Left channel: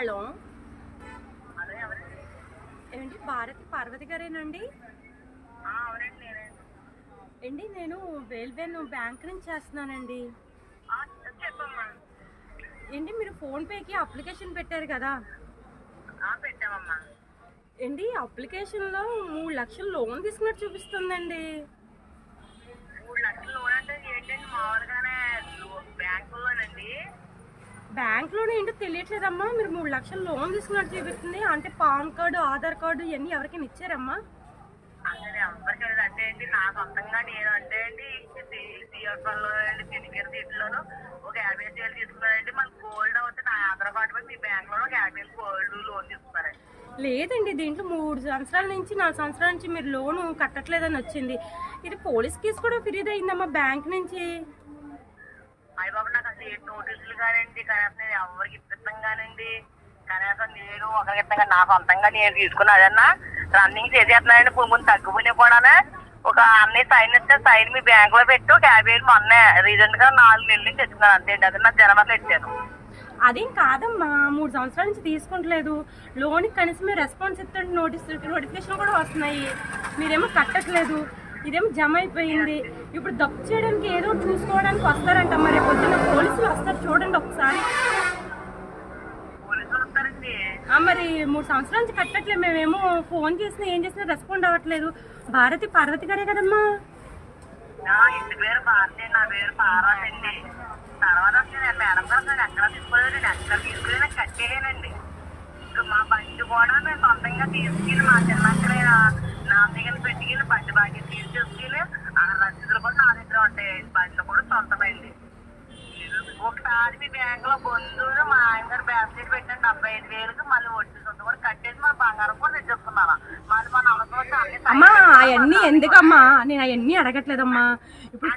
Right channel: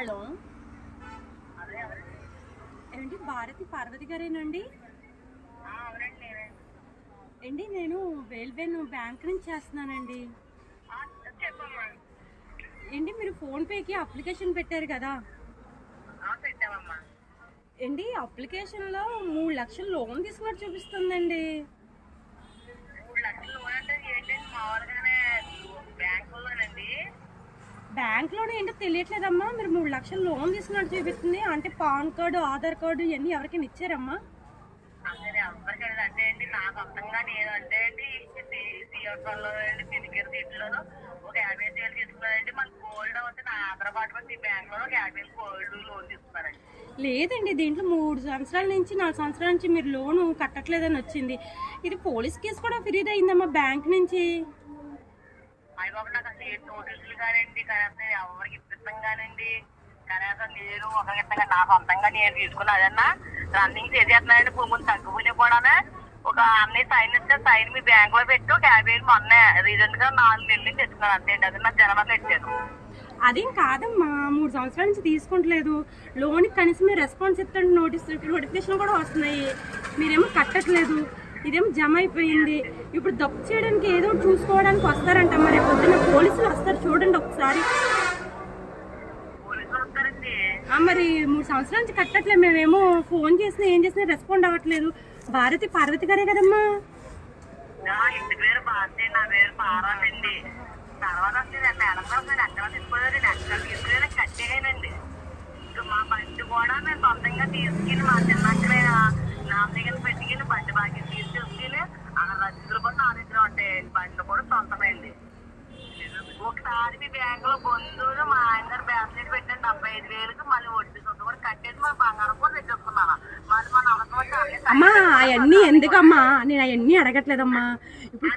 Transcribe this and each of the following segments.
Hello, ఏంటి భారతి పార్వతి గారేనండి? ఏంటి నేను రైల్వేన్ బ్యాంక్ నుంచి చేస్తున్నానండి. ఏంటి మీరు ఫోన్పేకి అప్లికేషన్ పెట్టారు కదా? ఏంటి అప్లికేషన్లో 3 లక్షలు లోన్ తీసుకున్నట్టు చూపిస్తుందండి. బ్యాంక్ లోన్ ఏంటో తెలియట్లేదమ్మా. మీరు 3 లక్షలు లోన్ తీసుకున్నట్టు చూపిస్తుంది. అంటే పాన్ కార్డు, ఆధార్ కార్డు ఇవన్నీ ఎవరికైనా ఇచ్చారమ్మా? లేదండి, దీంట్లో 3 సంవత్సరాల నుంచి 4 సంవత్సరాల నుంచి మీరు లోను కట్టట్లేదని వచ్చింది. ఇది పోలీస్ కేసు కూడా ఫిర్యాదు అయిందమ్మా బ్యాంక్ నుంచి. నోటీసులు కానండి, కనీసం ఎవరికి ఇప్పిస్తానండి, కనీసం నేను ఒకరికి నా సొంతంగా నేను తీసుకున్నా అదన్నా రన్నింగ్ చేసేస్తున్నానండి. ముందు తగ్గిపోయినా కూడా ఒక అన్నయ్య సైన్ ఇస్తే సైన్ మీ బ్యాంక్ లో పెట్టి ఒక 50,000 మొన్న రీసెంట్ గా 4 నెలల నుంచి తెచ్చుకున్నాను అంతే. అది నా జనవరిలో ఇచ్చాను. అదేం కాదమ్మా, 3 సంవత్సరాల నుంచి తీసుకుంటలేదు లోన్కి. కనీసం మీరు రెస్పాన్స్ ఇస్తుంటే నోటిఫికేషన్ కూడా వస్తున్నాయి, మీరేమో కట్టట్లేదు. ఇదేమో జమ అయిపోయింది. ఇప్పుడు దప్పు చేయడానికి ఏదో చూసుకోవడానికి వస్తారంట. మరి పొద్దున్న పోలీసులు వస్తారు చూడండి ఒకసారి. మరి 3 సంవత్సరాల నుంచి కట్టట్లేదు. మేమేమో ఫోన్ చేసినా ఏం చేసినా రెస్పాండ్ అవ్వట్లేదు. భారతి పార్వతి గారే కదమ్మా? ఇంటి పేరు భారతి, నా పేరు పార్వతి అండి. తర్వాత మేడం గారు నేను ఎక్కడ తీసుకోలేదు, నేను ఎక్కడ తీసుకుని కట్టేయనండి. మా బండి కూడా మేము సొంతంగా తీసుకెళ్ళి మా చిన్నక్కడ నా దగ్గర పెట్టుకెళ్ళి బండి బాగా తీసుకెళ్ళి ఆ రసీదులు కూడా నా దగ్గర ఉంటాయి. బండి కూడా సొంతమైంది. ఒకసారి మీ బ్యాంక్ లో బంధువులు మా ఆయన గారు బ్యాంక్ సీట్ పెట్టండి 75,000కి మళ్ళీ వడ్డీ సొంత కూడా కట్టేసి మా బంగారం కూడా తెచ్చుకున్నాను. మళ్ళీ మన అవసరం అమ్మా అవన్నీ ఎందుకమ్మా, నేను అవన్నీ అడగట్లేదమ్మా. ఇప్పుడు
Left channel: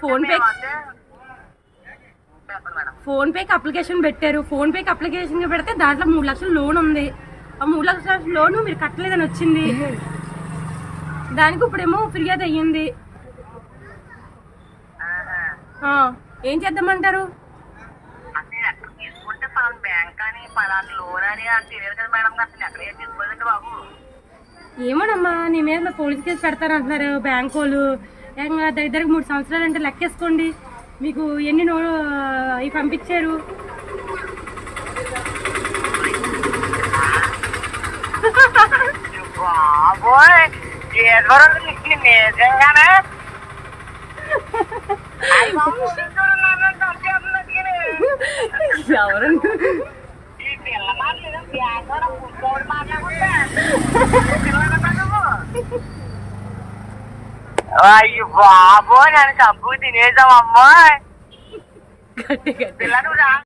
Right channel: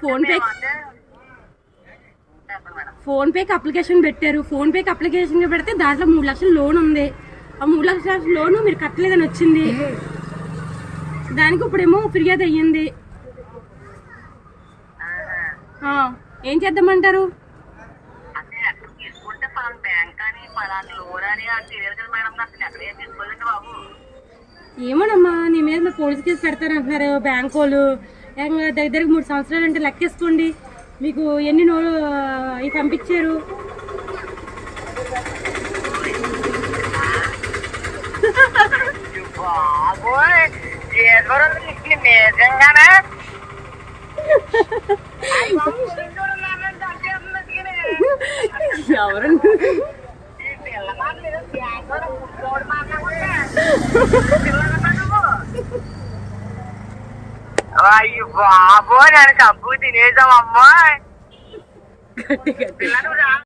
ఫోన్పేకి అప్లికేషన్ పెట్టారు. ఫోన్పేకి అప్లికేషన్ పెడితే దాంట్లో 3 లక్షల లోన్ ఉంది. ఆ 3 లక్షల లోన్ మీరు కట్టలేదని వచ్చింది. దానికి ఇప్పుడేమో ఫిర్యాదు అయ్యింది. ఏం చేద్దామంటారు? ఏమోనమ్మా, నీ మీద పోలీస్ కేసు పెడతారంటున్నారు బ్యాంకు వాళ్ళు. దగ్గరికి 3 సంవత్సరాలు అంటే లెక్కేసుకోండి. మీకు ఎన్ని అవి పంపించారు? నిజంగానే అయ్యో బాబో, నేను కబ్బు తినేద్దామమ్మా.